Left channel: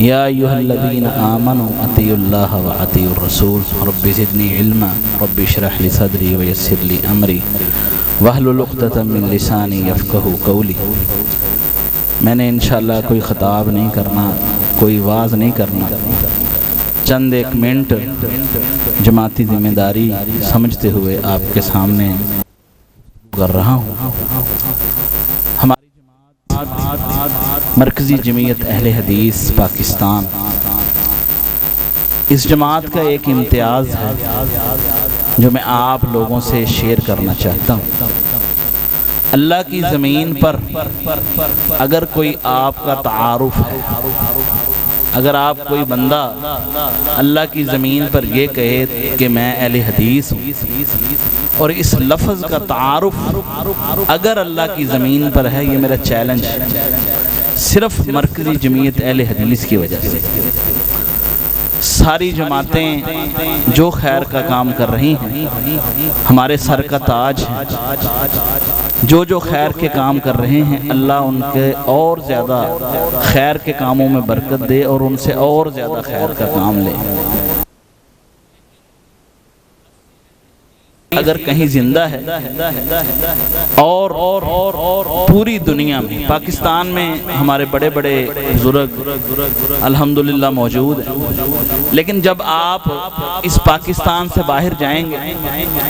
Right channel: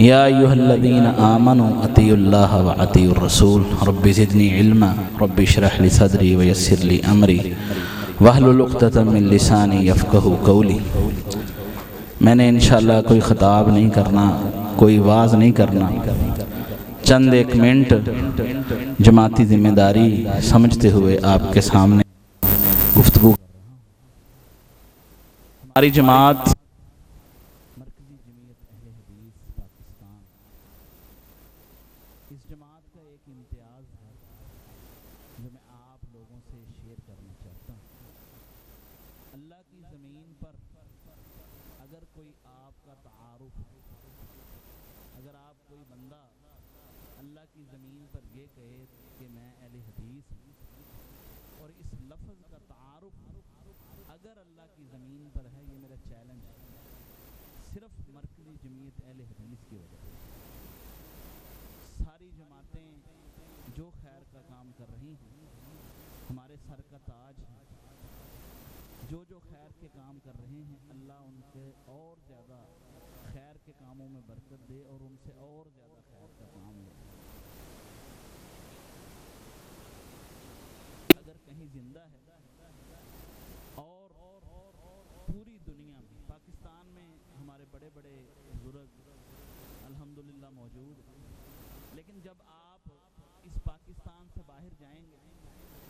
یا ایھا الذین آمنوا اطیعوا اللہ واطیعوا الرسول رب زدنی علما رب اشرح لی صدری ویسر لی امری واحلل عقدۃ من لسانی یفقہوا قولی۔ میں نے انشاءاللہ کوئی خطاب نہیں کرنا، کوئی واعظ نہیں کرنا، چند ایک منٹ جماعتی ذمہ داری سمجھتے ہوئے آپ کے سامنے گفتگو کر رہا ہوں۔ ہماری جماعت مرکزی جمعیت اہل حدیث پاکستان، اس جماعت کا ایک امتیاز ہے جو میں آپ لوگوں سے شیئر کرنا چاہتا ہوں۔ اللہ کی زمین پر اگر کوئی آپ کا تعارف ہے، اگر آپ کوئی بندہ اللہ کی زمین پر یہ کہے کہ میں اہل حدیث ہوں، اور اس لفظ کا تعارف اگر اللہ کی زمین پر ہے، یہ میرا چیلنج ہے، صرف مرکزی جمعیت اہل حدیث کی وجہ سے۔ ساری جماعتیں جو خیر کا کام کر رہی ہیں ہمارے سر کا تاج ہے، جو خیر کے کام کر رہے ہیں اللہ ان کے اور زیادہ خیر کے کاموں میں برکت دے اور ان سے اور زیادہ خیر کا کام لے۔ اگر کہیں زندہ ہے اور پوری دنیا میں، پاکستان میں ہمارے بڑے بڑے بزرگ الحمدللہ موجود ہیں، لیکن جب آپ اس پاکستان سے باہر جائیں گے،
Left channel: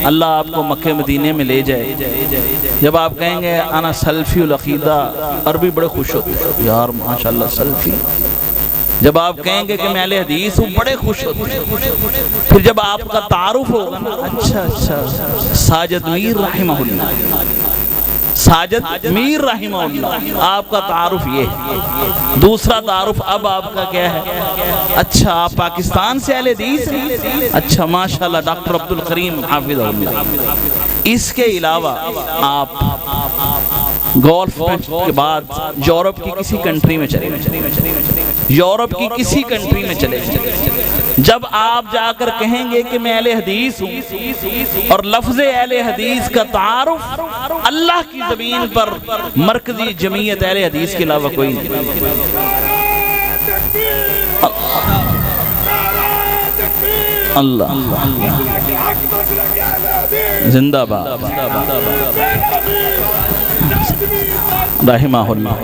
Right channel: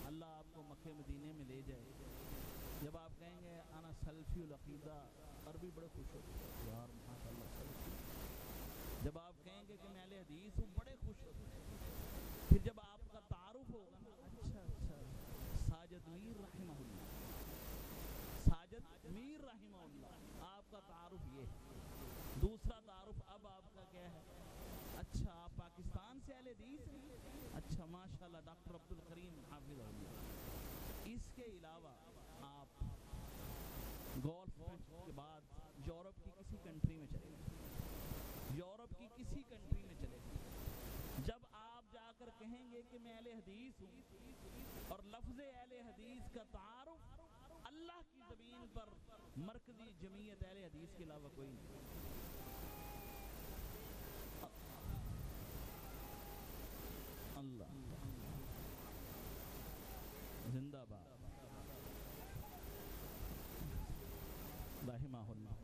اللہ آپ کو مکہ مدینے میں لے جائے، جب آپ کہیں گے انا سلفی العقیدہ، عربی بڑے خوش ہوتے ہیں یار ماشاءاللہ سلفی، جب آپ کہیں گے کہ میں اہل حدیث ہوں بڑے خوش ہوتے ہیں۔ پھر جب آپ کا تعارف ہوگا نا، اچھا ساجد میر رحمہ اللہ، ساجد میر رحمہ اللہ، آپ کا تعارف یہ ہے۔ دوسرا تعارف اب آپ کا کیا ہے؟ اچھا آپ پاکستان سے اہل حدیث ہیں، اچھا ماشاءاللہ ڈاکٹر عبدالکریم حافظہ اللہ۔ اس کے علاوہ آپ گولف کے بعد یورپ کی کسی کنٹری میں چلے گئے، یورپ کی کسی کنٹری میں چلے گئے، جب آپ جا کر کہیں گے کہ میں اہل حدیث ہوں، اور لفظ اہل حدیث کا تعارف اللہ کی زمین پر مرکزی جمعیت اہل حدیث کے علاوہ کوئی نہیں۔ اللہ زندہ باد رحمہ اللہ،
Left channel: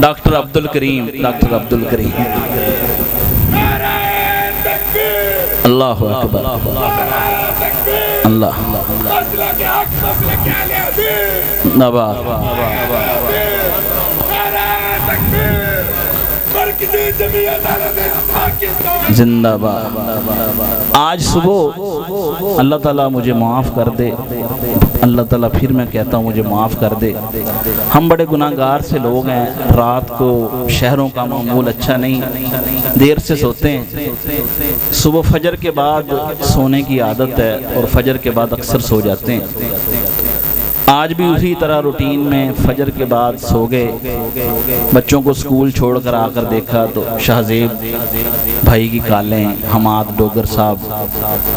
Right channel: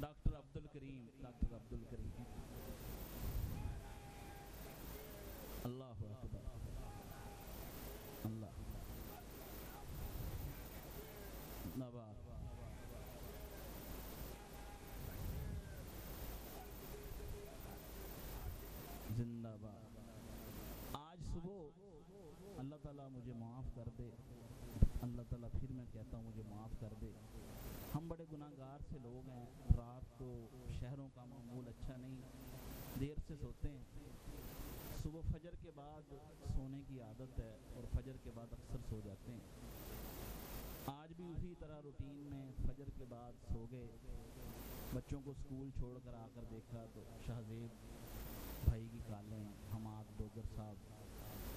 ڈاکٹر عبدالکریم، ڈاکٹر عبدالکریم، اللہ اکبر، اللہ نبات زندہ باد۔ آج صبح اللہ تعالیٰ مجھے معاف کر دے، اللہ تعالیٰ پھر میں کہتا ہوں مجھے معاف کر دے، ہم بڑے گناہگار سے لوگ ہیں، رات کو شہروں کا معمول اچھا نہیں، دیر سے سوتے ہیں، صبح فجر کے بعد سونے کی عادت ہے اور فجر کے بعد اکثر سو جاتے ہیں۔ آج بھی اسی طرح روٹین میں فجر کے بعد سو گئے، بچوں کو سکول چھوڑ کر آ کر دیکھا تو شہزیب بھائی کی کالیں، حماد ڈوگر صاحب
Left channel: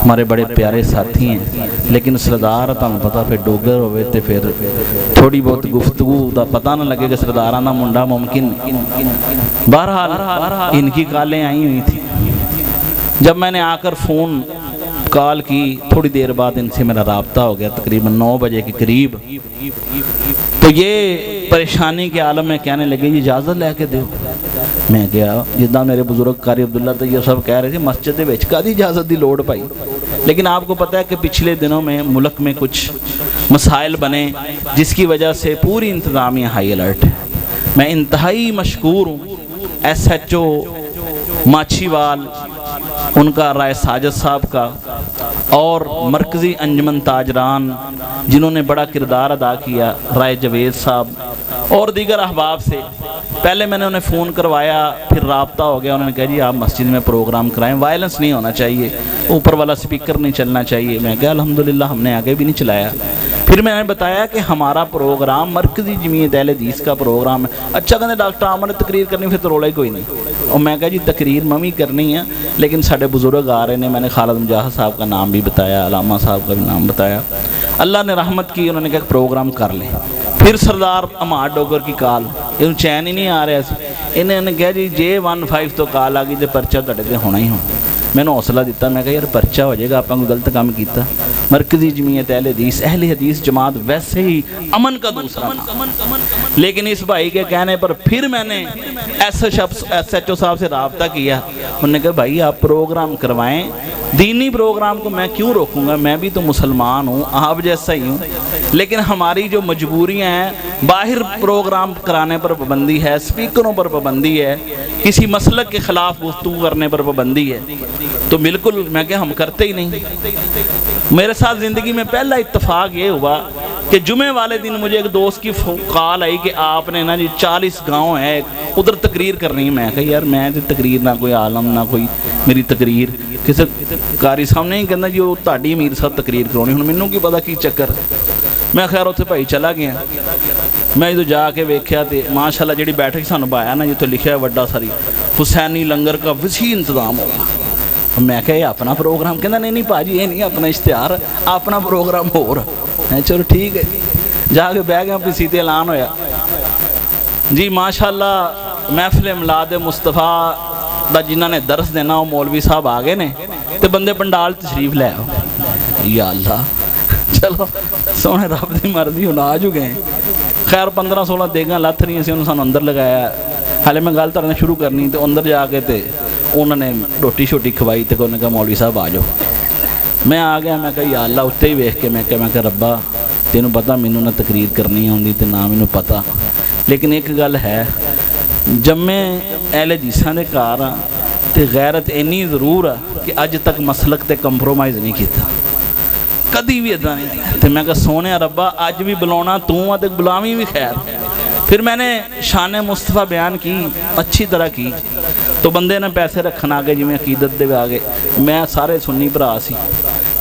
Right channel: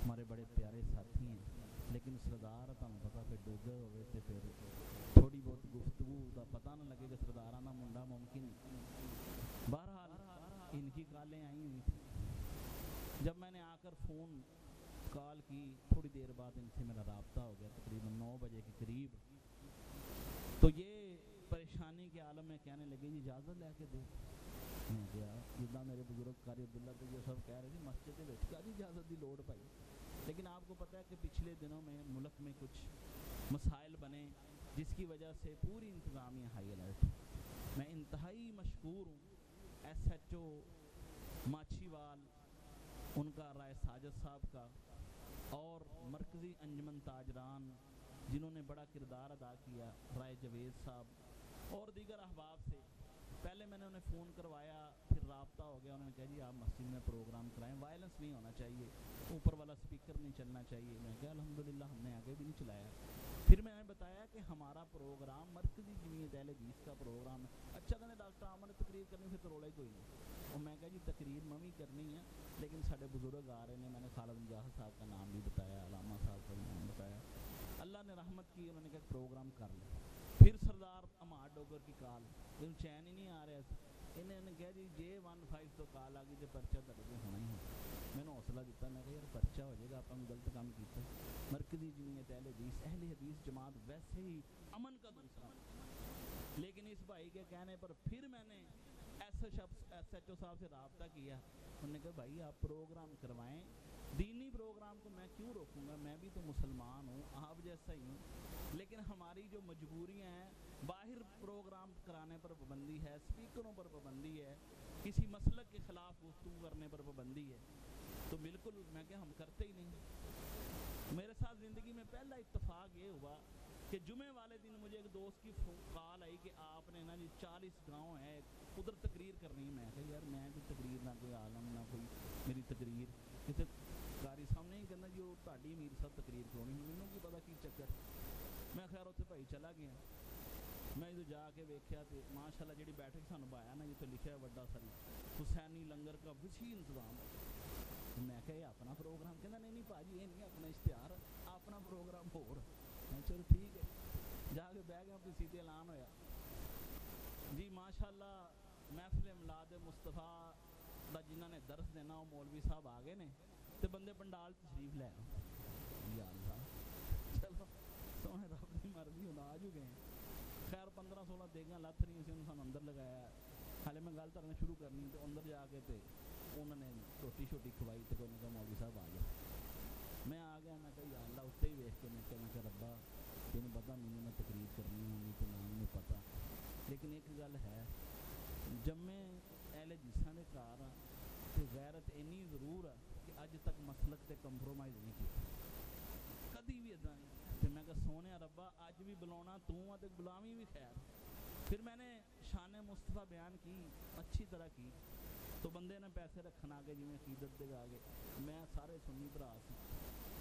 ہمارے بڑے پیارے ساتھی ہیں، لیکن سردار تمہیں پتا پھر ڈوگر ہوئے تھے، پھر تھوڑی بہت گفتگو دا پتہ نہ لگے کہ سردارانہ منڈا ممکن، بہرحال ان کی کالیں آئی ہوئی تھی۔ جب میں نے آ کر فون کال کی، تھوڑی دیر بعد ان سے میرا رابطہ ہو گیا، تقریباً 9 بجے کے قریب، تو یہ پریشانی کے عالم میں کہنے لگے جی اجازت لے کے دیو۔ میں گیا، جدہ میرے بزرگ قاری عبداللہ تو یہ سب کہہ رہے تھے مسجد وچ کا دی اجازت دی لوڑ پائی، لیکن آپ کو پتہ ہے کہ پچھلے دنوں میں ملک میں کچھ مسائل بنے جس کی وجہ سے پوری انتظامیہ ہائی الرٹ ہے۔ میں انتہائی مشکور ہوں ایس ایچ او ماچھی وال، ان کا رائے ساجد صاحب کا، اور مرکزی انجمن تاجران جنہوں نے بڑا کردار ادا کیا، رائے جوید صاحب اور دیگر احباب سے۔ پہلے میں نے انہیں فون کروایا، پھر رابطہ ہو گیا، انہوں نے کہا جی آپ مسجد میں پروگرام کرائیں، وائلنس نہیں ہونا چاہیے، اوپر والا سپیکر نہیں چلنا چاہیے۔ میں کہا الحمدللہ ہم نے آگے بھی نہیں چلایا۔ پھر میں نے بتایا کہ ہمارا پروگرام مرکزی جمعیت اہل حدیث کا پروگرام ہے۔ اچھا کہتے ڈاکٹر عامر نے تقریر کرنی، پھر تو رولا ہی کوئی نہیں۔ اور میں کہا جی تقریر ممی کرنی ہے، لیکن ساڑھے بزرگ آ رہے ہیں، میں نے خالد مجاہد صاحب کا نام بھی بتایا، علامہ صاحب کا بھی نام بتایا، اللہ نے رحمت کی، انہوں نے کہا پروگرام کر لیں۔ پھر سردار امار ڈوگر کی کال، یہ چین ہی نہیں آ رہا سی، انہیں نے کہا جی J15 تو کال آ گئی تو پرچہ تڑے تے ہونا ہی ہونا۔ میں نے حوصلہ دیتا، میں کہا یار پرچہ ہو جائے گا، آپ کو غلط کام کیتا۔ مرکزی جمعیت اہل حدیث جماعت ویسے ہی امن کا دوسرا تھا، لیکن اس بھائی کے کہنے پر پھر میں نے SHO صاحب سے رابطہ کیا، انہوں نے کہا بھائی آپ پروگرام کروائیں، دینی پروگرام کو میں کیوں روکوں گا، میں بھی تو مسلمان ہوں، آپ جیسا ہی ہوں، لیکن ہماری جو مجبوریاں ہیں، باہر پروگرام کرانے پر پابندی ہے، سپیکروں پر پابندی ہے، کسی مسلک کے خلاف گفتگو کرنے پر پابندی ہے، تو بالکل میں کہ ہم کرتے ہی نہیں۔ میرے ساتھ زندگی میں پہلا اتفاق یہ ہوا کہ جمعے والے دن مجھے ایک دوست کی کال آئی کہ آپ نے نا جی 40 گاؤں ہے ادھر تقریر کرنی ہے۔ میں کہا یار میں تقریر نہ کوئی عالم نہ کوئی میری تقریر، کسی قاری صاحب نے ہی کہنا جی وہ تہاڈی امیر صاحب تقریر کرونی، ہن مینوں کی پتا کی چکر۔ میں خیر اتنے بھائی چلا گیا، میں جدو جا کے ویکھیا تے ماشاءاللہ جڑی بیٹھک سانوں پایا نا جتوں لکھیا وڈا ساری حسینی لنگر کا وسیع انتظام ہوگا۔ میں کہا یہ اپنا پروگرام، کہنا نہیں پاجی یہ نہیں اپنا اشتہار، اپنا پروگرام ہو رہا ہے۔ چلو ٹھیک ہے، جا کے بہ گیا، پسی تے اعلان ہویا جی ماشاءاللہ محفل میلاد مصطفیٰ دا جنہاں نے درس دینا وہ مولوی صاحب آ گئے نے تے بندے پنڈال تشریف لے آؤ۔ یا اللہ، چلو سونے رب دی مرضی ہن آ جو گئے۔ خیر 15-16 دیگاں لتھ رہی سی، انہوں نے اندر لگایا۔ حالے میں گل کرنا شروع کرنی تے اندر جا کے تے انہوں نے روٹی شوٹی کھوائی تے انہوں نے کہا مولوی صاحب آ جاؤ۔ میں آ گیا، میں کہا یا اللہ اتنے ہی ویکھ کے میں کہا ربا تینوں پتہ مینوں نہ تقریر کرنی ہوندی تے نہ مینوں پتہ، لیکن ایک گل ہے جمے اہل حدیثاں دے گھر ہاں تے غیرت اینی ضرور ہے کہ اج تک مسلک تے کمپرومائز نہیں کیتا، کدی بھی ادا نہیں۔ تے میں کہا سونے ربا اج بھی بلاونا تو آ تے بلاویں بھی خیر۔ پھر میں نے شان مصطفیٰ بیان کی، اچھی طرح کی، تو بندے نے پیسے رکھنا آگے جی میں عقیدت دے آگے، میں سارے سنی بھرا سی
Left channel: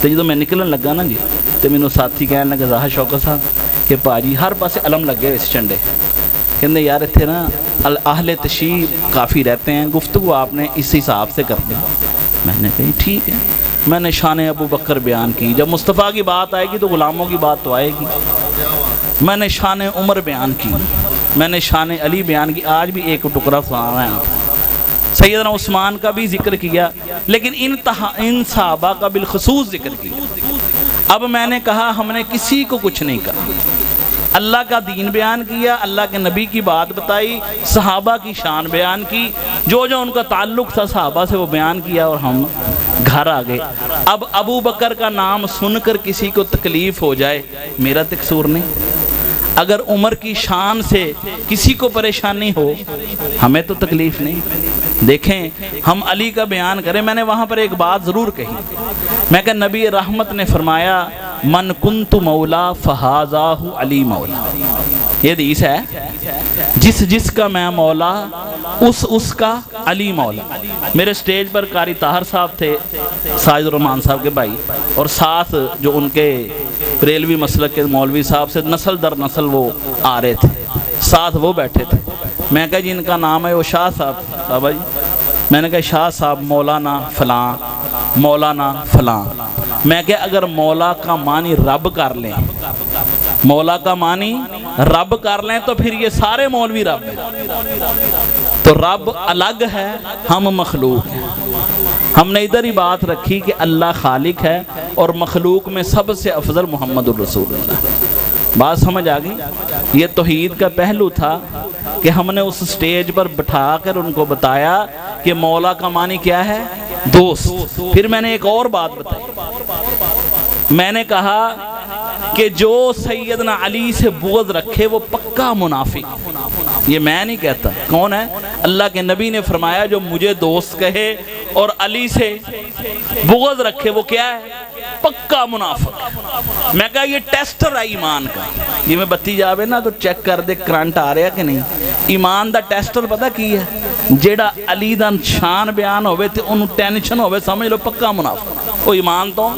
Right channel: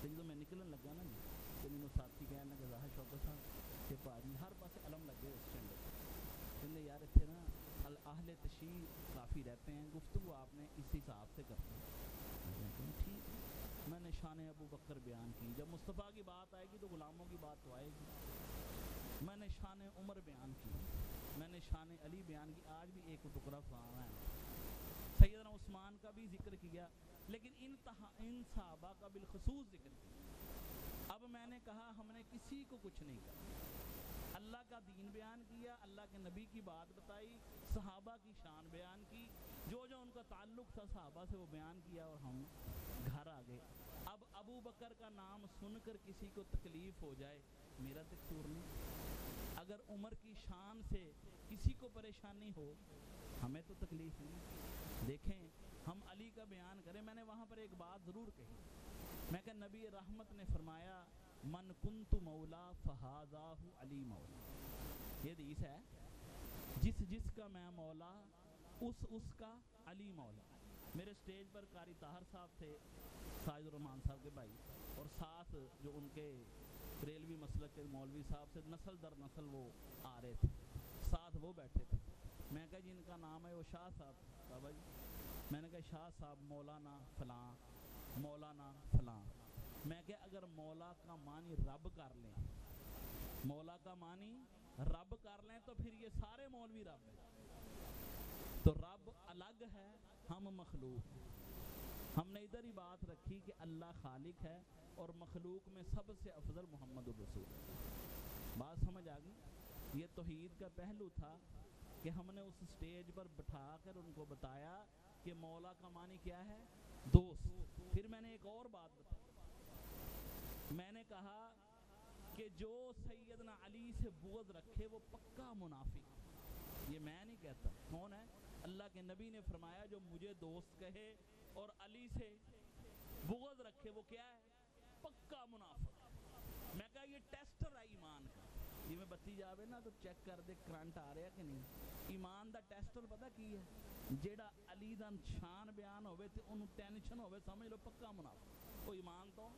تے جدو میں نکلن لگا نا جی تے مینوں ساتھی کہنے لگا ظاہر شوکت صاحب کہ پاجی ہر پاسے علم لگے ہوئے جھنڈے، کہندے یار اتنے نا اہل تشیع کافی رہتے ہیں، گفتگو آپ نے اس حساب سے کر دی۔ میں نے کہا ٹھیک ہے۔ میں نے شان ابو بکر بیان کی، جب مصطفیٰ کی بات آئے گی تو غلاموں کی بات تو آئے گی۔ میں نے شان عمر بیان کی، میں نے شان علی بیان کی، آج بھی ایک ٹکڑا سنا ہے۔ سیدنا عثمان کا بھی ذکر کیا، لیکن ان صحابہ کا بالخصوص ذکر کیا۔ اب میں نے کہا ہم نے کسی کو کچھ نہیں کہا، اللہ کا دین بیان کیا، اللہ کے نبی کی بات بتائی، صحابہ کی شان بیان کی، جو جو ان کا تعلق تھا صحابہ سے وہ بیان کیا، اور ہم گھر آ گئے۔ اب ابو بکر کا نام سن کر کسی کو تکلیف ہو جائے میرا قصور نہیں، اگر عمر کی شان سے کسی کو پریشانی ہو ہمیں تو تکلیف نہیں۔ دیکھیں ہم علی کا بیان کریں، میں نے وہاں پر ایک بات ضرور کہی، میں کہ نبی رحمت نے فرمایا من کنت مولا فہذاہ علی مولا، یہ حدیث ہے، جس کا میں مولا اس کا علی مولا۔ میرے سٹیج پر قاری طاہر صاحب تھے، ساجد الرحمان صاحب کے بھائی، اور ساتھ جو ان کے بریلوی مسلک کے مولوی صاحب سے نسل در نسل وہ آ رہے تھے، ساتھ وہ بیٹھے تھے۔ میں کہا جی ان کا نام ہے وہ شاہ صاحب، بابا جی میں نے کہا شاہ صاحب مولانا فلاں مولانا فلاں۔ میں کہ اگر مولا کا معنی رب کر لیں، مولا کا معنی رب کر لیں تو پھر یہ سارے مولوی رب ہیں، تو رب الگ ہے، ہم مخلوق ہیں۔ ہم نے ادھر ہی بات رکھی کہ اللہ خالق ہے اور مخلوق میں سب سے افضل محمد الرسول اللہ۔ بات سمجھ آ گئی؟ یہ توحید کا پہلو تھا کہ ہم نے اس سٹیج پر بٹھا کر ان کو بتایا کہ مولا کا معنی کیا ہے؟ دوست۔ پھر میں نے ایک اور بات بتائی، میں نے کہا کہ جو سیدنا علی سے بغض رکھے وہ پکا منافق۔ یہ میں نہیں کہتا، کون ہے؟ اللہ کے نبی نے فرمایا جو مجھے دوست کہے اور علی سے بغض رکھے وہ کیا ہے؟ پکا منافق۔ میں کہا یہ ٹیسٹر ہے ایمان کا، یہ میں بتی جاوے نا تو چیک کر دے کرنٹ آ رہا کہ نہیں۔ ایمان دا ٹیسٹر پتہ کی ہے؟ جیڑا علی دا شان بیان ہوئے تے انہوں ٹینشن ہوئے سمجھ لو پکا منافق، وہ ایمان تو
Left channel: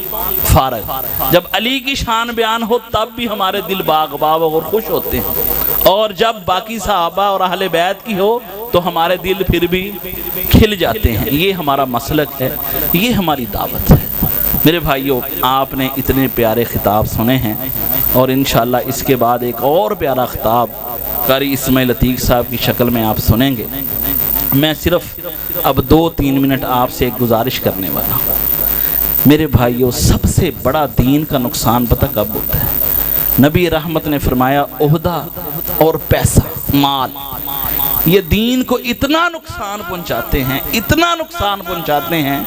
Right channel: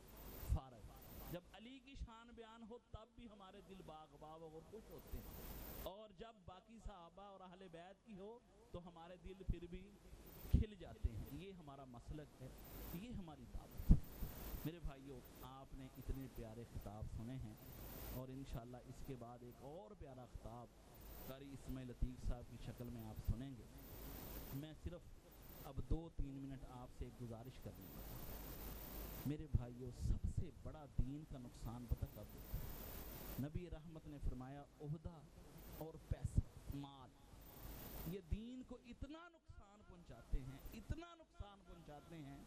فارغ۔ جب علی کی شان بیان ہو تب بھی ہمارے دل باغ باغ اور خوش ہوتے ہیں، اور جب باقی صحابہ اور اہل بیت کی ہو تو ہمارے دل پھر بھی کھل جاتے ہیں۔ یہ ہمارا مسلک ہے، یہ ہماری دعوت ہے۔ میرے بھائیوں، آپ نے اتنے پیارے خطاب سنے ہیں اور انشاءاللہ اس کے بعد ایک اور پیارا خطاب قاری اسماعیل عتیق صاحب کی شکل میں آپ سنیں گے۔ میں صرف اب 2-3 منٹ آپ سے ایک گزارش کرنے والا ہوں۔ میرے بھائیوں، سب سے بڑا دین کا نقصان پتہ کب ہوتا ہے؟ نبی رحمت نے فرمایا عہدہ اور پیسہ، مال، یہ دین کو اتنا نقصان پہنچاتے ہیں، اتنا نقصان پہنچاتے ہیں،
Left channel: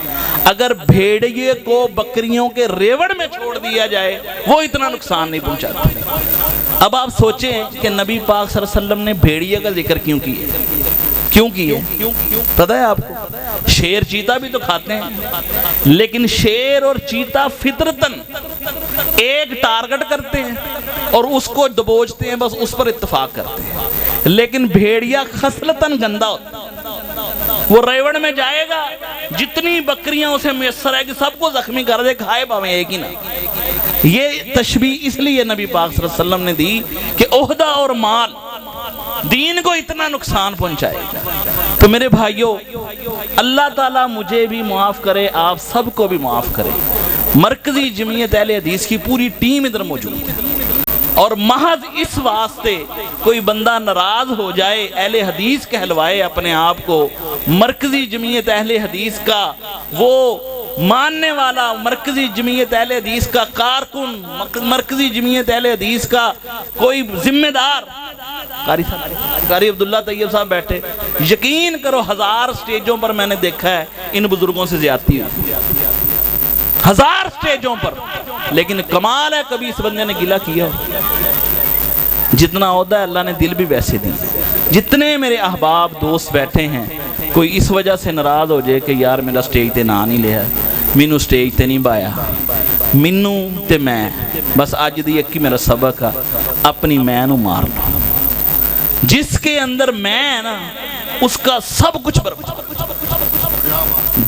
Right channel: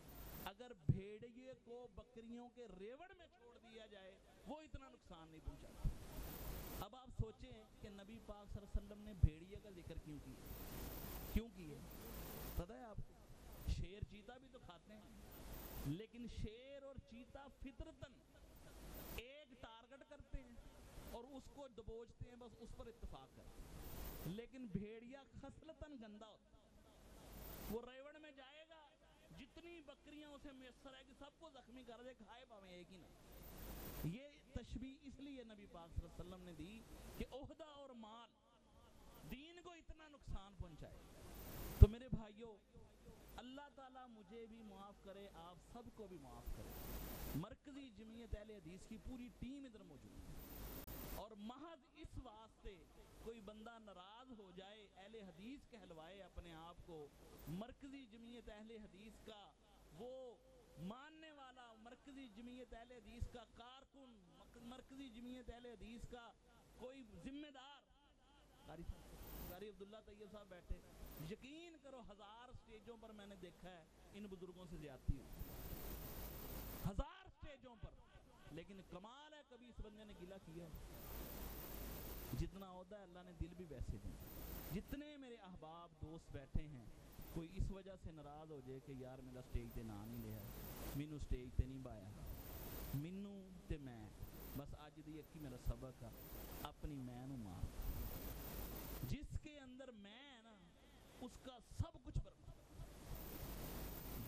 اگر بھیڑیے کو بکریوں کے ریوڑ میں چھوڑ دیا جائے وہ اتنا نقصان نہیں پہنچاتے۔ اب آپ سوچیں کہ نبی پاک صلی اللہ علیہ وسلم نے بھیڑیے کا ذکر کیوں کیے؟ پتہ ہے آپ کو؟ شیر چیتا بھی تو کھاتے ہیں، لیکن شیر اور چیتا فطرتاً ایک ٹارگٹ کرتے ہیں اور اس کو دبوچتے ہیں، بس اس پر اتفاق کرتے ہیں۔ لیکن بھیڑیا خصلتاً گندہ ہوتا ہے، وہ ریوڑ میں جائے گا، جتنی بکریاں اسے میسر ہے کہ سب کو زخمی کر دے، کھائے باویں ایک ہی نہ۔ یہ تشبیہ اس لیے نبی پاک صلی اللہ علیہ وسلم نے دی کہ عہدہ اور مال دین کو اتنا نقصان پہنچائے۔ تو میرے بھائیوں، اللہ تعالیٰ مجھے بھی معاف کرے، آپ سب کو بھی معاف کرے۔ مرکزی جمعیت اہل حدیث کی پوری ٹیم ادھر موجود ہے، اور محض اس واسطے کوئی بندہ ناراض ہو جائے، اہل حدیث کہلوائے اپنے آپ کو، مرکزی جمعیت اہل حدیث کا وہ ماننے والا، مرکزی جمعیت اہل حدیث کا کارکن، مرکزی جمعیت اہل حدیث کا کوئی ذمہ دار، قاری عبداللہ طیب صاحب بیٹھے، یقین کرو 1000 سٹیجوں پر میں نے دیکھا ہے ان بزرگوں سے زیادتی ہوئی، 1000 سٹیجوں پر، لیکن کمال ہے کبھی اس بندے نے گلہ کیا ہو؟ جتنا عہدہ ہے اللہ نے دل بھی ویسے دی۔ جتنے میرے احباب دوست بیٹھے ہیں، کوئی اس وجہ سے ناراض ہو جائے کہ یار میرا سٹیج تے نا نہیں لیا، مینو سٹیج تے نہیں بایا، مینو تے میں بس اج دی ایک ہی میرا سبق ہے، اپنی میں نو مار لو۔ جس کے اندر میں ہے نا، اس کا سب کچھ برباد۔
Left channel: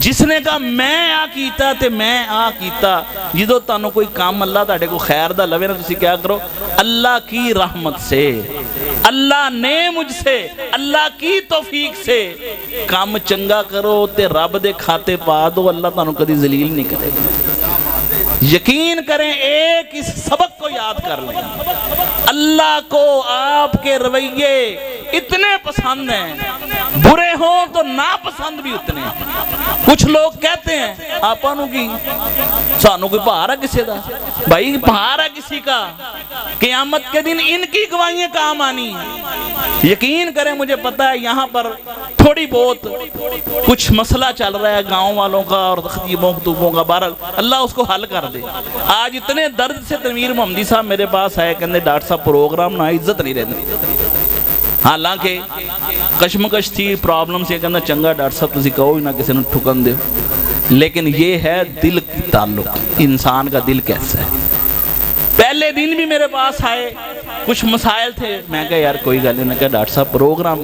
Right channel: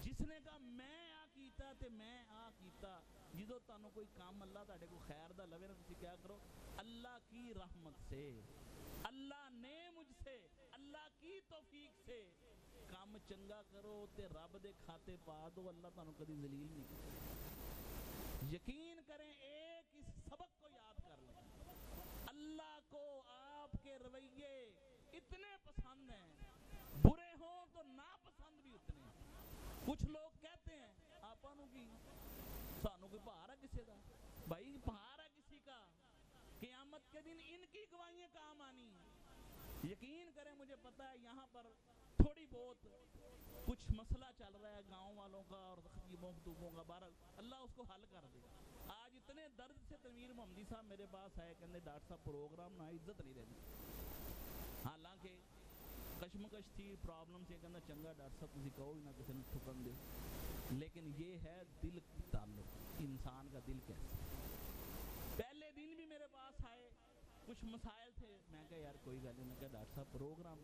جس نے کہا میں آ کیتا تے میں آ کیتا، جدو تانوں کوئی کام اللہ تاڑے کو خیر دا لوے نا، تسی کیا کرو؟ اللہ کی رحمت سے، اللہ نے مجھ سے، اللہ کی توفیق سے کام چنگا کرو تے رب دے کھاتے پا دو، اللہ تانوں کدی ذلیل نہیں کرے گا۔ یقین کریں، ایک اس سبق کو یاد کر لیں، اللہ کو آپ کے رویے اتنے پسند ہیں، برے ہوں تو ناپسند بھی اتنے ہیں۔ کچھ لوگ کہتے ہیں آپا نو کی سانو کوئی بھار ہے کسی دا، بھائی بھار ہے کسی کا، قیامت کے دن ان کی گواہیاں کام آنی ہیں۔ یقین کریں، مجھے پتا ہے یہاں پر تھوڑی بہت کچھ مسئلہ چل رہا ہے گاؤں والوں کا اور خطیبوں خطوبوں کا، بہرحال اللہ اس کو حل کر دے۔ آج اتنے درد سے تنویر محمدی صاحب میرے پاس آئے، کہنے ڈاکٹر صاحب پروگرام نہ عزت نہیں رہتی، حالانکہ کشمکش تھی، پرابلم سے، کہنا چنگا ڈاکٹر صاحب تسی کہو ہی نہ کسی نے ٹھکن دے، لیکن یہ ہے دل کی تعلق، انسان کا دل کیسا ہے۔ پہلے دن بھی میرے پاس آئے، کچھ مسائل تھے، میں کہا یار کوئی گل نہیں، میں کہا ڈاکٹر صاحب پروگرام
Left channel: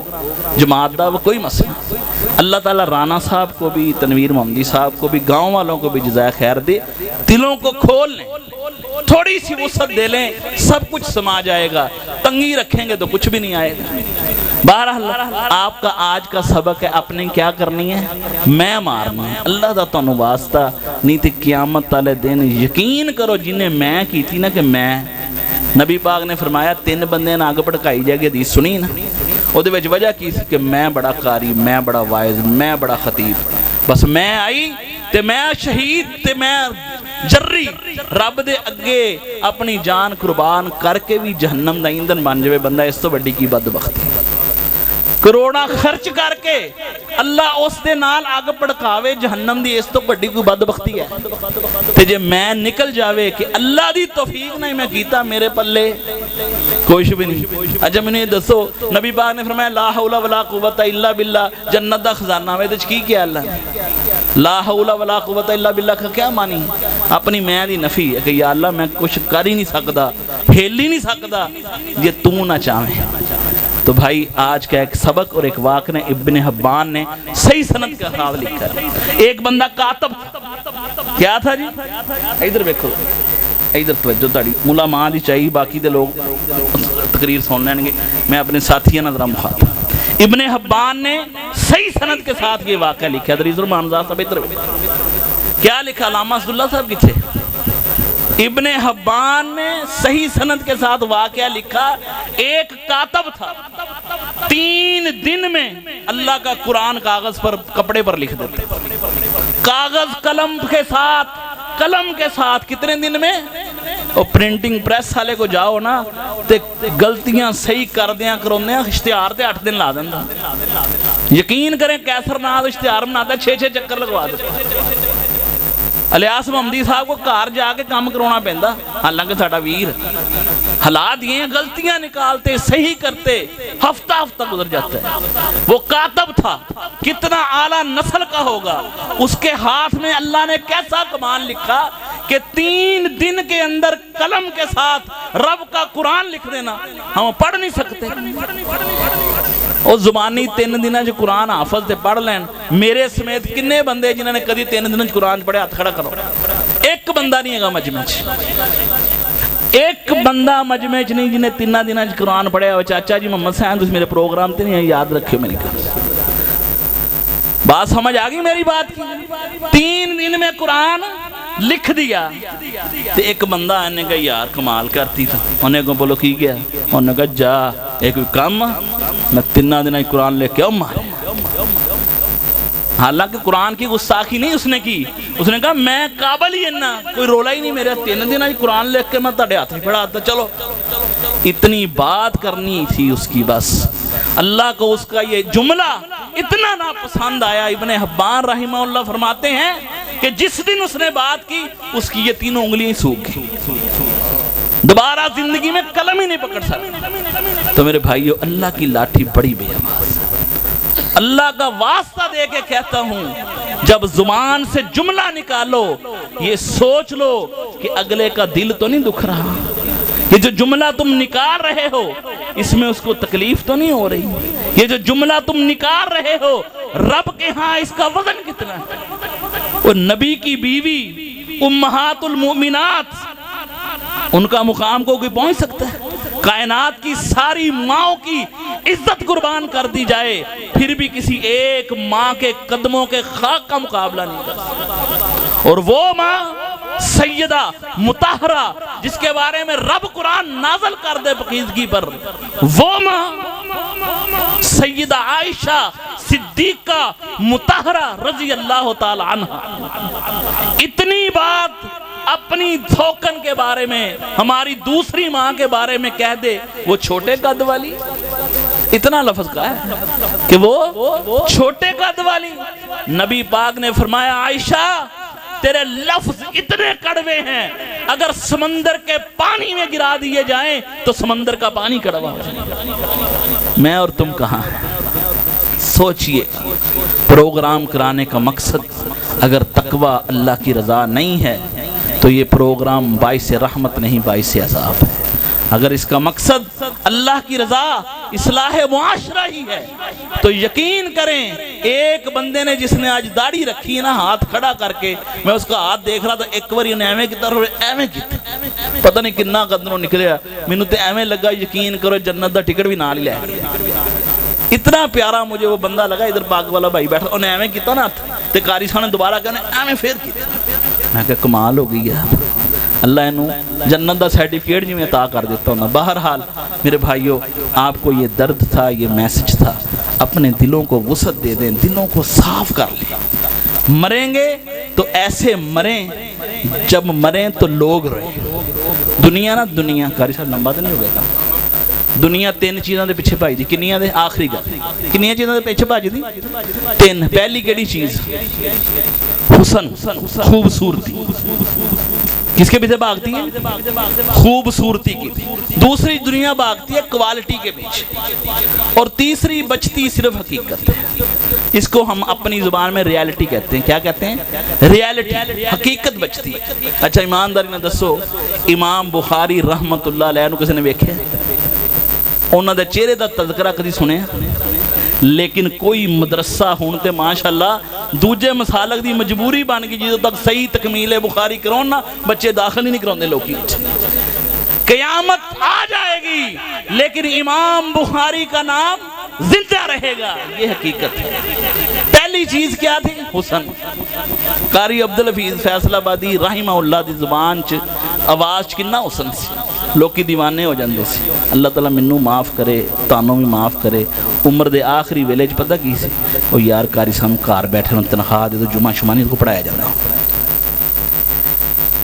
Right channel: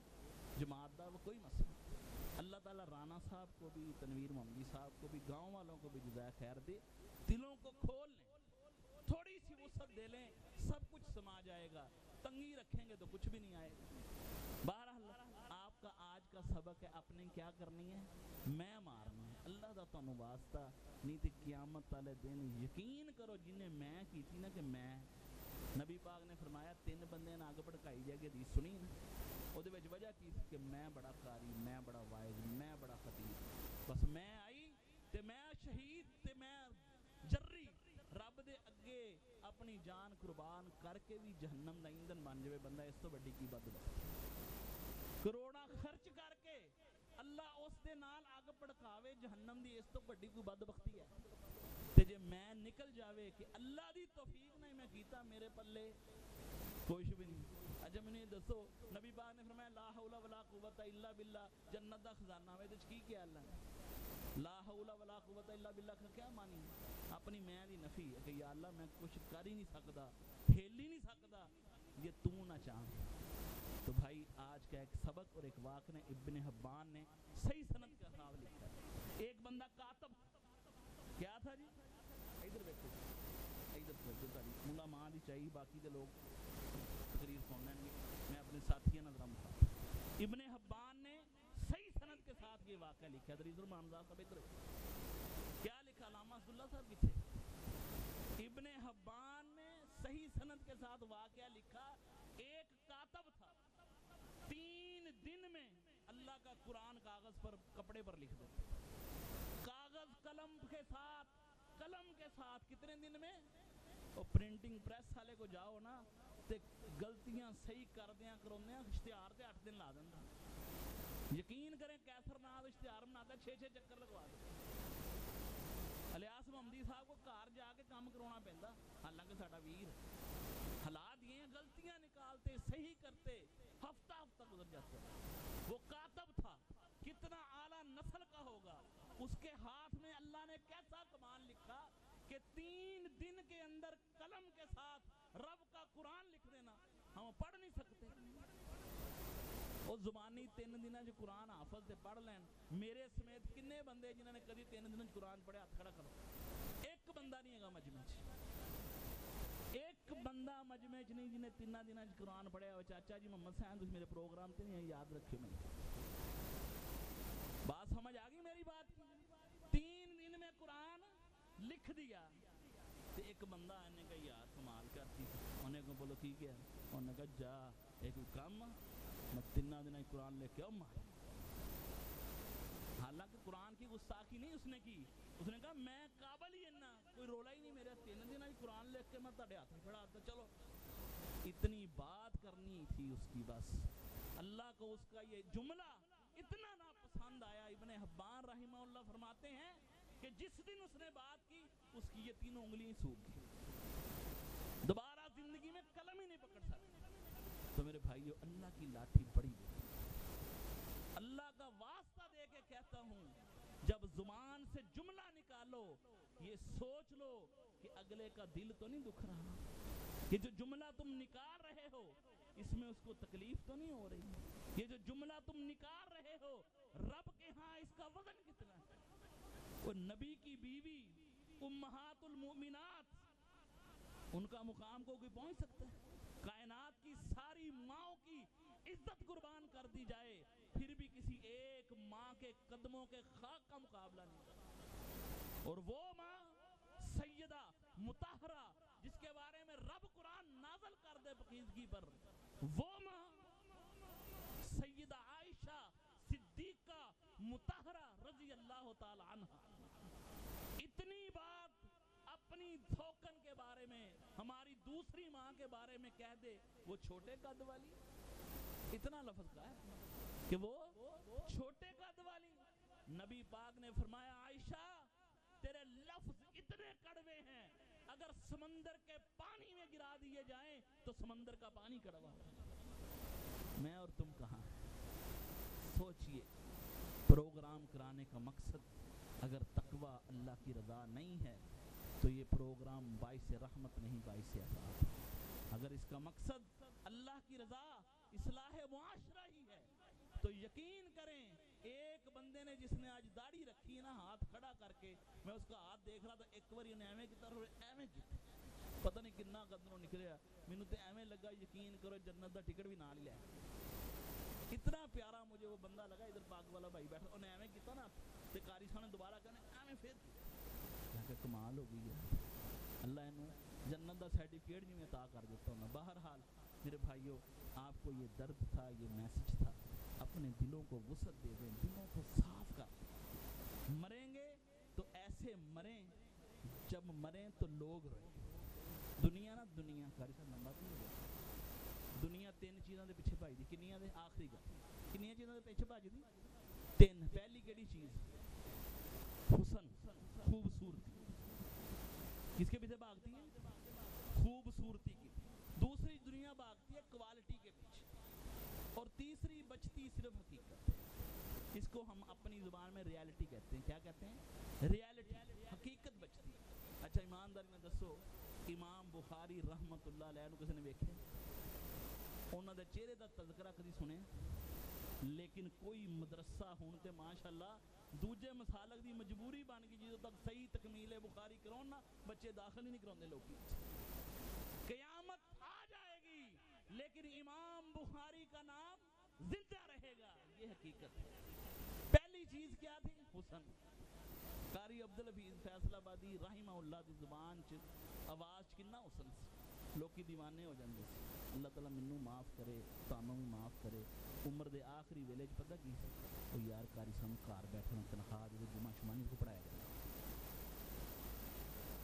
جماعت دا وہ کوئی مسئلہ، اللہ تعالیٰ رانا صاحب کو بھی، تنویر محمدی صاحب کو بھی، گاؤں والوں کو بھی جزائے خیر دے، دلوں کو کھول لیں، تھوڑی سی وسعت دے لیں، سب کچھ سما جائے گا، تنگی رکھیں گے تو کچھ بھی نہیں آئے گا۔ بہرحال آپ کا آج کا سبق ہے، اپنے کیا کرنی ہے؟ میں مارنا ہے، اللہ دا تانوں واسطہ نہیں تے قیامت والے دن یقین کرو جنہیں میں کی تھی نا، کہ میں نبی پاک نے فرمایا 3 بندے نہ آگ بھڑکائی جائے گی، حدیث سنی نا، وہ دے وچ وجہ کی سی کہ میں بڑا قاری، میں بڑا واعظ، میں بڑا خطیب، بس میں آئی تے میں شہید تے میں جری رب دے اگے اپنی جان قربان کر کے بھی جہنم دا ایندھن بن جائے بندہ، اس تو بڑی کی بدبختی۔ کروڑا خرچ کر کے اللہ اس دے نال آگ پڑکاوے جہنم دی، اس تو بڑی کوئی بدبختی ہے؟ تے جے میں نکل جاوے کہ اللہ دی توفیق نہیں میں کیتا، میرے پلے کچھ بھی نہیں۔ اچھا میں نے دسو، نبی پاک نے فرمایا لا حول ولا قوت الا باللہ، جنت دا خزانہ وے تے کی کیا اللہ نے؟ لا حول ولا قوت الا باللہ کا کیا معنی؟ اپنی میں دی نفی ہے کہ یا اللہ میں کچھ کر ہی نہیں سکتا، ہل ہی نہیں سکتا یہ تو نہ چاہیں۔ تو بھائی آج کا ایک سبق اور ایک واقعہ ابن حبان نے صحیح سند کا خاص لکھا ہے۔ ایک بندہ کاتب کیا تھا جی، ادھر دیکھو، ادھر توجہ تاڑی مولا ماں دی چاہیے، باقی دے لوگ تقریر سن لیں گے، میں اپنے ساتھیاں نہ ذرا مخاطب۔ ابن حبان نے صحیح سند کے ساتھ یہ واقعہ لکھا ہے۔ ادھر مانزا صاحب ادھر کیا لکھا، علامہ اسداللہ صاحب کتھے؟ ابن حبان نے صحیح سند کے ساتھ واقعہ لکھا، ایک کاتب تھا 3 دن میں اللہ کا قرآن کاغذ پر کپڑے پر لکھ دیتا، کاغذ قلم کے ساتھ کتنے دن میں؟ اور پرنٹنگ پریس والے کو جاؤ نا تے گلتیاں صحیح کر دیاں کروندے ہیں، اشتہار تے 8 دن لا دینا۔ یقین کریں کیسر ناز اشتہار بناتا 6 چکر لگوا دیتا۔ الیاس محمدی صاحب کو کار جا کے کام کرونا پیندا، حالانکہ ساڈا ویر حالات یہ ہیں، غلطیاں نکالتے صحیح کرتے ہفتہ گزر جاتا ہے۔ وہ کاتب تھا، کتنا اعلیٰ نسل کا ہوگا، اس کے ہاتھ میں اللہ نے کیسا کمال لکھا کہ 3 دن کے اندر قلم کے ساتھ رب کا قرآن لکھ دینا، ہم پڑھ نہیں سکتے۔ اور زبانی 3 دنوں جو قرآن حافظ تے پڑھ لین، میرے سمیت کنے بندے جنہوں نے کدی 3 دنوں قرآن پڑھے ہاتھ کھڑا کرو، ایک بندہ نہیں ہے مجمع چ، ایک بندہ مجمع چ نہیں جنہیں 3 دنوں قرآن پڑھے ہو۔ چاچا جی محمد حسین تسی میرے پروگرام تے نہیں یاد رکھے میری بات سمجھ آ گئی میری بات کی؟ 3 دن میں قرآن لکھ دیا۔ تو ایک بندہ انہیں کہا یار کمال کرتی تھا، انہیں کہا بولو کی گیا؟ انہیں کہا جا ایک کام میں 3 دن قرآن لکھ کے مارے۔ حالانکہ قرآن کی گستاخی نہیں اس نے کی، اس نے کہا میں قابل ہی نہ، کوئی رولا ہی نہیں میرے 3 دن قرآن لکھ کے میں تاڑے ہاتھ میں پڑھا آتا۔ چلو اتنی بات کرنی تھی اس کی، بس اللہ کو اس کا یہ جملہ اتنا ناپسند آیا۔ ابن حبان رحمہ اللہ فرماتے ہیں کہ جس دن اس نے بات کی اس کی یہ 3 انگلیاں سوکھ گئی، دوبارہ زندگی میں قلم ہی نہیں پکڑ سکتا۔ تو میرے بھائیو اللہ کی لاٹھی بڑی بے آواز ہے۔ اللہ کا واسطہ دے کے کہتا ہوں، جب زبان سے جملہ نکالو یہ سوچ لو کہ اگلے کا دل تو نہیں دکھ رہا، یہ جو جملہ تم نکال رہے ہو اس میں اس کو تکلیف تو نہیں ہو رہی، یہ جو جملہ تم نکال رہے ہو رب کے ہاں اس کا وزن کتنا ہے؟ اور نبی کی بیوی امہات المؤمنات، ان کا مقام کو کوئی پہنچ سکتا ہے؟ کائنات کی ساری ماں کی عزت قربان کر دی جائے پھر بھی کسی ایک ماں کے قدموں کے خاک کا مقابلہ نہیں کر سکتا۔ اور وہ ماں سیدہ مطہرہ جس کے بارے میں رب قرآن نازل کر دے پاکیزگی پر، وہ ماں سیدہ عائشہ صدیقہ مطہرہ رضی اللہ تعالی عنہ۔ اتنی بات اپنی دھوکن کے بارے میں، ہماری دوسری ماں کے بارے میں کہہ دے وہ چھوٹے قد والی، اتنا لفظ کہا ہے کہ وہ چھوٹے قد والی۔ نبی پاک نے فرمایا عائشہ تیرے لفظ اتنے کڑوے ہیں، اگر سمندر کے پانی میں گرا دیے جائیں تو سمندر کا پانی کڑوا ہو جائے۔ میں اور تم کہاں ہیں؟ سوچئے، پروگرام کرانے کا مقصد اگر تقوی اللہ کی رضا نہیں ہے تو یہ پروگرام باعث رحمت نہیں باعث عذاب ہے۔ اگر اس کا مقصد اللہ کی رضا اصلاح معاشرہ ہی ہے تو یقین کریں ایک بندے نے جس نے آج داڑھی رکھی ہے نا، ہاتھ کھڑا کر کے میں اس کا ہاتھ دیکھ رہا تھا، ایک بار انہیں ایویں کی طرح ایویں کی پتہ نہیں کتنا قدروں نکلیا، میں نے ایویں لگا یقین کرو جنت دا ٹکٹ بھی نہ لے اتنا پیارا مجھے وہ بندہ لگا۔ ادھر پاک والا بھائی بیٹھا، انہیں ایویں کیتا نا، تے قاری صاحب نے دوبارہ کہنے ایویں پھر کیتا۔ میں کہا کمال ہو گئی ہے، اللہ انہوں جنت دا سرٹیفکیٹ جی میں عطا کر دیتا ہوں۔ بہرحال میرے بھائیو آپ کو یہ درد تھا، یہ میسج تھا، اپنے دلوں کو وسعت دے دیں، دلوں کو صاف کر لیں۔ مریں گے تو ایسے مریں جب مریں تو لوگ رہیں۔ دنیا نا دنیا قاری صاحب لمبا تو نہیں ہو گیا کام، دنیا 3 چیزاں دے پیچھے بھائی دی، کنیاں دے آخری گل کنیاں چیزاں دے پیچھے بھائی دی 3۔ پہلی کیڑی چیز؟ حسن، خوبصورتی۔ کس کے پیچھے بھاگتی ہے؟ خوبصورتی کی۔ دوسری دنیا بھاگتی ہے کوالٹی کے پیچھے، اور تیسری بچتی صرف حقیقت ہے۔ اس کو ہم اپنی زبان میں ریالٹی کہتے ہیں۔ کیا کہتے ہیں؟ ریالٹی، حقیقت بچتی۔ اچھا ایمانداری نے دسو امام بخاری رحمت اللہ علیہ کسی نے ویکھے؟ انہوں نے چہرے دا تذکرہ کدی سنے؟ لیکن کوئی مدرسہ ہونتے ماشاءاللہ دوجے مسالک دی مجبوری بن گئی جدو تک صحیح تکمیل بخاری کرونا بچے داخل ہی نہیں کروندے لوگی۔ قیامت آ جائے گی لیکن امام بخاری کا نام زندہ رہے گا، یہ حقیقت ہے۔ پہلی چیز کیا تھی؟ حسن۔ قاری عبدالحفیظ فیصل آبادی رحمہ اللہ دی زبان چ آواز کنا حسن سی لوکی دیوانے ہو جاندے سی اللہ تعالیٰ منوں معاف کرے تانوں بھی معاف کرے عمر دے آخری ویلے چ پتہ کی سی وہ یار قاری صاحب گھر بیٹھے ہوں تنخواہ دے تو جمعہ شمانی کو پڑھایا جانا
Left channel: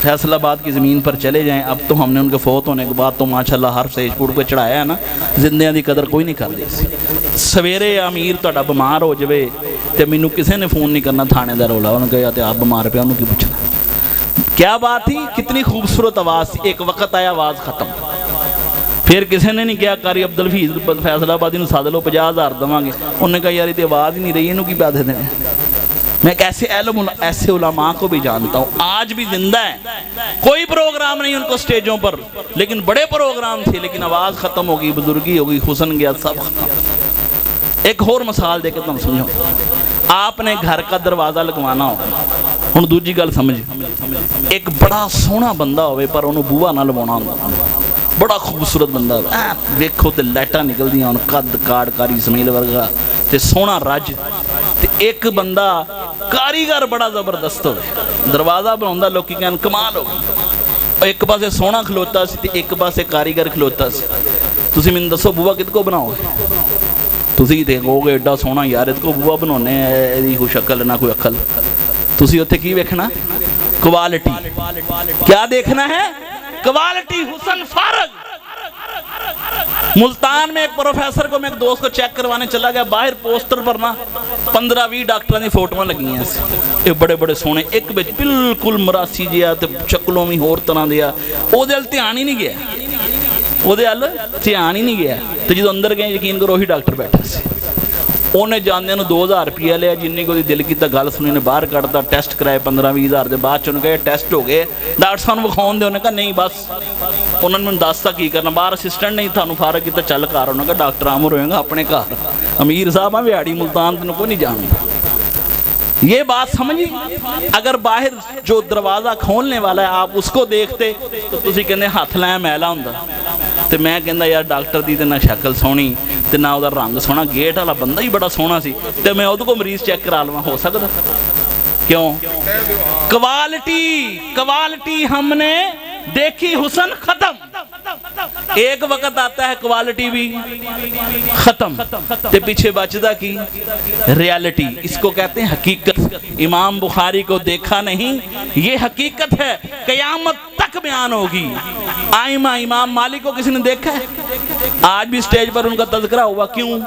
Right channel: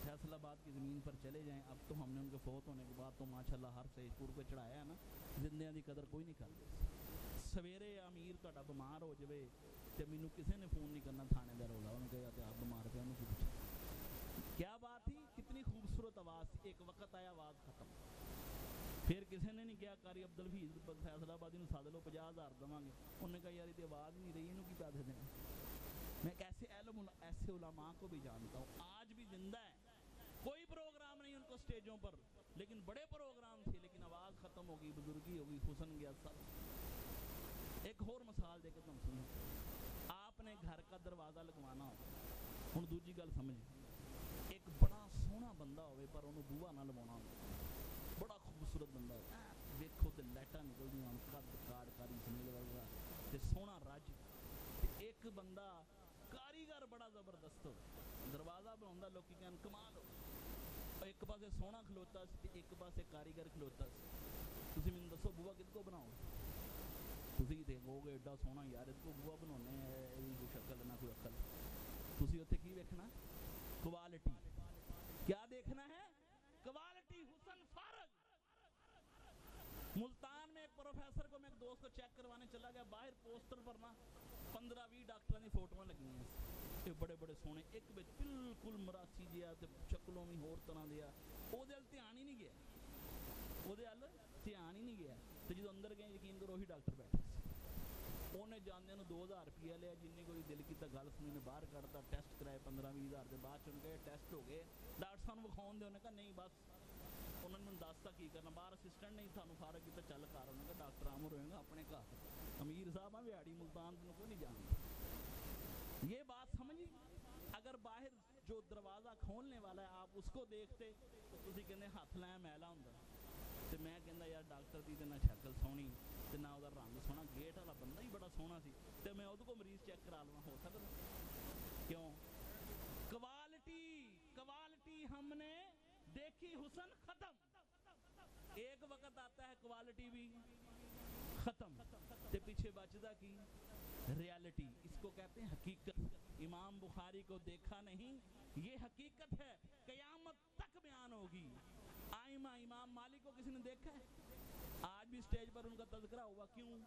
فیصل آباد کی زمین پر چلے جائیں اب تو ہم نے ان کے فوت ہونے کے بعد تو ماشاءاللہ ہر سیج پوڑ پہ چڑھایا ہے نا زندیاں دی قدر کوئی نہیں کر دی سی سویرے امیر تہاڈا بیمار ہو جاوے تے مینوں کسے نے فون نہیں کرنا تھانے دا رولا انہوں نے کہا تے آپ بیمار پہ انہوں کی پوچھنا کیا بات تھی کتنی خوبصورت آواز تھی ایک وقت آیا آواز ختم پھر کسی نے نہیں کیا قاری عبدالحفیظ فیصل آبادی نوں ساد لو 50,000 دواں گے انہوں نے کہا یار یہ آواز ہی نہیں رہی انہوں کی پیسے دینے میں ایک ایسے علماء کو بھی جانتا ہوں آج بھی زندہ ہیں کوئی پروگرام نہیں ان کو سٹیجوں پر لیکن بڑے پروگرام تھے لیکن آواز ختم ہوگی بزرگی ہوگی حسن گیا سب ختم ایک اور مثال دے کے تم سمجھو آپ نے گھر کا دروازہ لگوانا ہو ہن دوجی گل سمجھ ایک بڑا سونا بندہ ہوئے پر انہوں بوہا نہ لوانا ہوں بڑا خوبصورت بندہ ویکھو تے لائٹاں نکل دیاں ہن قد کاڑ کاری اسماعیل ورگا تے سونا رج تے ایک بندہ کاریگر بڑا زبردست ہوئے دروازہ بناوندا لوکی کہن کمال ہو ایک پاسے سونا کھلوتا سی تے ایک پاسے کاریگر کھلوتا سی تسی مینوں دسو بوہا کد کو بناؤ تسی تے کہو گے ایڈا سونا یار ات کو بوہا بنانے ایدی کوئی شکل نہ کوئی عقل تسی اوتھے کی ویکھنا کوالٹی کیا دیکھنا ہے کوالٹی حسن فارغ ملتان میں ایک پروفیسر کو میں ایک دوست کو چیک کروانے چلا گیا باہر پوسٹر پر نا 15-20 ڈاکٹروں نے فوٹویں لگی ہیں ایک بڑے بڑے سونے ایک بچ بالکل مراسی جیا تے چکلوں میں ہور طرح دیا او دے ال دھیان ہی نہیں گیا او دے ال دھیان ہی نہیں گیا تے جدوں اندر گئے یقین کرو وہی ڈاکٹر بیٹھا سی انہیں جاندے نو 2,000 روپیہ لیا جنہی کو دل کی تا گل سنی نے باہر کڑتا ٹیسٹ کرائے 15-20 ہزار دے بعد چون کہے ٹیسٹ ہو گئے ڈاکٹر صاحب وکھاون دے انہیں کہا نہیں بس انہوں نے دستا کی کرنا باہر اسسٹنٹ نہیں تھا فارغ کی تا چل کر انہوں نے کہا ڈاکٹر عامر ہوئے گا اپنے گھر امیر صاحب ہیں ویاڑی ملتان دنوں کو نہیں جانتا یہ بات سمجھی اگر باہر جو دروازہ کھولنے والا ہے آپ اس کو دیکھتے تو تسی کہنے ہاتھ لائیں میلا ہوں تے میں کہندا یار ڈاکٹر دی تے نہ شکل سونی تے نہ ادھر رنگ سونا گیٹ والا بندہ ہی بڑا سونا سی تے میں ادھر کو مریض چیک کرا لواں ہو سکتا کیوں کوالٹی ہم نے دیکھی حسن ختم ایک وقت آتا ہے کوالٹی بھی ختم تے پیچھے بچدا کی ریالٹی اس کو کہتے ہیں حقیقت امام بخاری کو دیکھا نہیں یہ حقیقت ہے قیامت تک بیان ہوگی آئمہ امام مالک کو کسی نے دیکھا ہے آج بھی سٹیج پر ان کا تذکرہ ہوا کیوں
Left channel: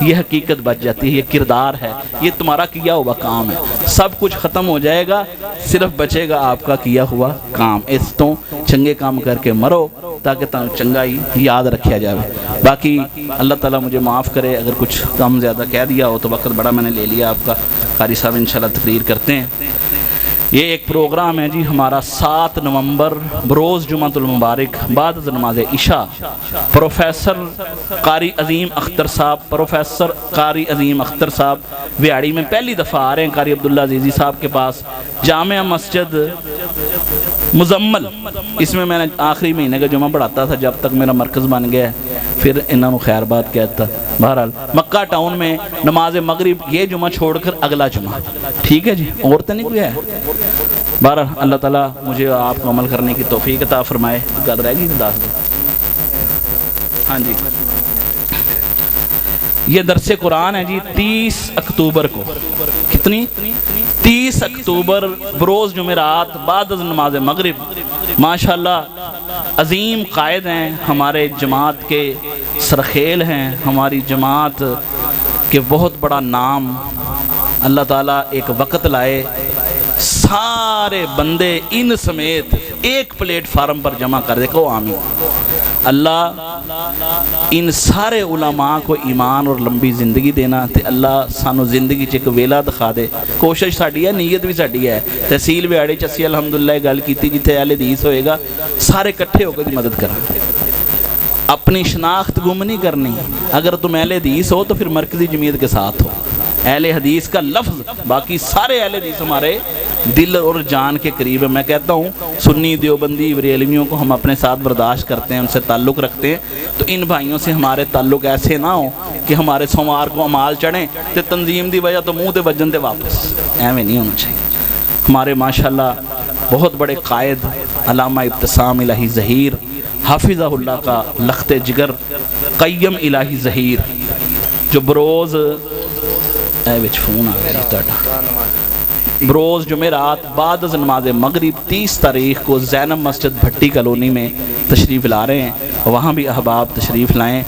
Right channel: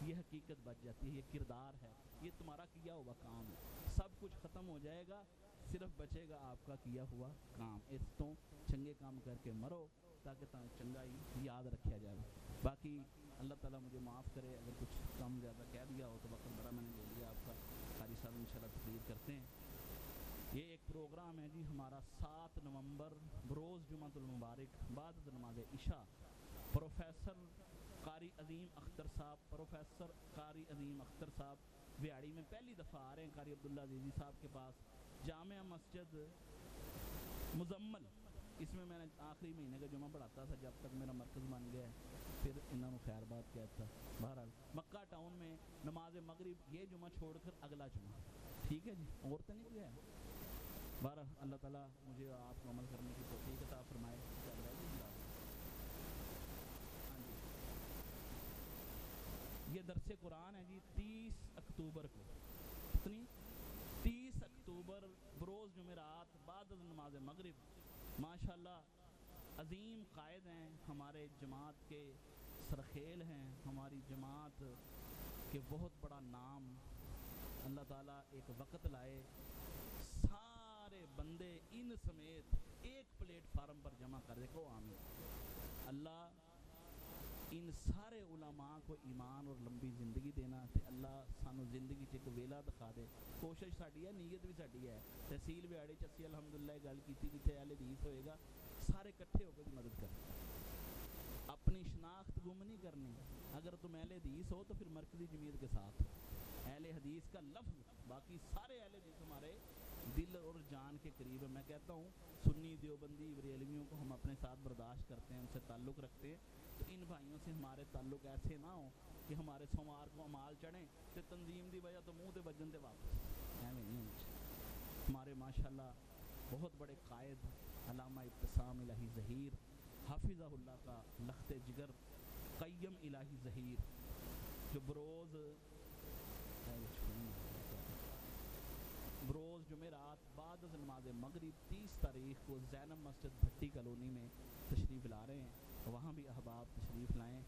یہ حقیقت بچ جاتی ہے یہ کردار ہے یہ تمہارا کیا ہوا کام ہے سب کچھ ختم ہو جائے گا صرف بچے گا آپ کا کیا ہوا کام اس تو چنگے کام کر کے مرو تاکہ چنگا ہی یاد رکھیا جائے باقی اللہ تعالیٰ مجھے معاف کرے اگر کچھ کم زیادہ کہہ دیا ہو تو وقت بڑا میں نے لے لیا آپ کا قاری صاحب انشاءاللہ تقریر کرتے ہیں یہ ایک پروگرام ہے جی ہمارا 7 نومبر بروز جمعۃ المبارک بعد از نماز عشاء پروفیسر قاری عظیم اختر صاحب ویاڑی میں پہلی دفعہ آ رہے ہیں قاری عبداللہ عزیزی صاحب کے پاس جامع مسجد مزمل اس میں نے آخری مہینے کا جمعہ پڑھاتا تھا جب تک میرا مرکز بن گیا پھر انہوں نے خیر بات کہتا بہرحال مکہ ٹاؤن میں نماز مغرب یہ جمعہ چھوڑ کر اگلا جمعہ ٹھیک ہے جی اور تو نہیں کوئی ہے بہرحال اللہ تعالیٰ مجھے آپ کو عمل کرنے کی توفیق عطا فرمائے گل رہ گی ہاں جی یہ درس قرآن ہے جی 30 اکتوبر کو کتنی 30 اکتوبر بروز جمعرات بعد از نماز مغرب ماشاءاللہ عظیم قائد ہیں ہمارے جماعت کے سرخیل ہیں ہماری جماعت کے بہت بڑا نام اللہ تعالیٰ ایک وقت لائے سارے بندے ان سمیت ایک پلیٹ فارم پر جمع کر دے کو آمین اللہ ان سارے علماء کو ایمان اور لمبی زندگی دینا تے اللہ سانو زندگی چ ایک ویلا دکھا دے کوشش ساڈی ہے نیت بھی ساڈی ہے تحصیل ویاڑے چ اسی الحمدللہ گل کیتی جتھے اہل حدیث ہوئے گا سارے کٹھے ہو کے دی مدد کریں اپنی شناخت گم نہیں کرنی اگر تم اہل حدیث ہو تو پھر مرکزی جمعیت کے ساتھ ہو اہل حدیث کا لفظ باقی سارے اہل حدیث ہمارے دل اور جان کے قریب ہے میں کہتا ہوں سنی دیوبندی بریلویوں کو ہم اپنے ساتھ برداشت کرتے ہیں ان سے تعلق رکھتے ہیں تو ان بھائیوں سے ہمارے تعلق ایسے نہ ہو کہ ہمارے سوموار کو امال چڑھیں تے تنظیم دی وجہ تو منہ تے بجن تے واپس ایویں نہیں ہونا چاہیے ہمارے ماشاءاللہ بہت بڑے قائد علامہ ابتسام الہی ظہیر حافظہ اللہ کا لخت جگر قیم الہی ظہیر جو بروز فون آ گیا بروز جمعرات بعد از نماز مغرب 30 تاریخ کو زینب مسجد بھٹی کالونی میں تشریف لا رہے ہیں، وہاں بھی احباب تشریف لائیں۔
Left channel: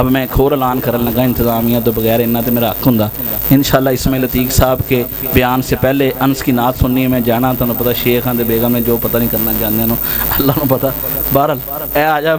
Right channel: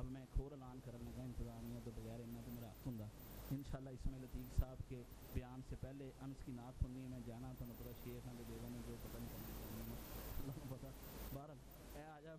اب میں کھور اعلان کرنے لگا انتظامیہ تو بغیر انہاں تے میرا حق ہوندا انشاءاللہ اسماعیل عتیق صاحب کے بیان سے پہلے انس کی نعت سننی ہے۔ میں جانا تو پتہ شیخ ہاں دے بیگم نے جو پتہ نہیں کرنا چاہتے ہیں اللہ نو پتہ۔ بہرحال اے آ جا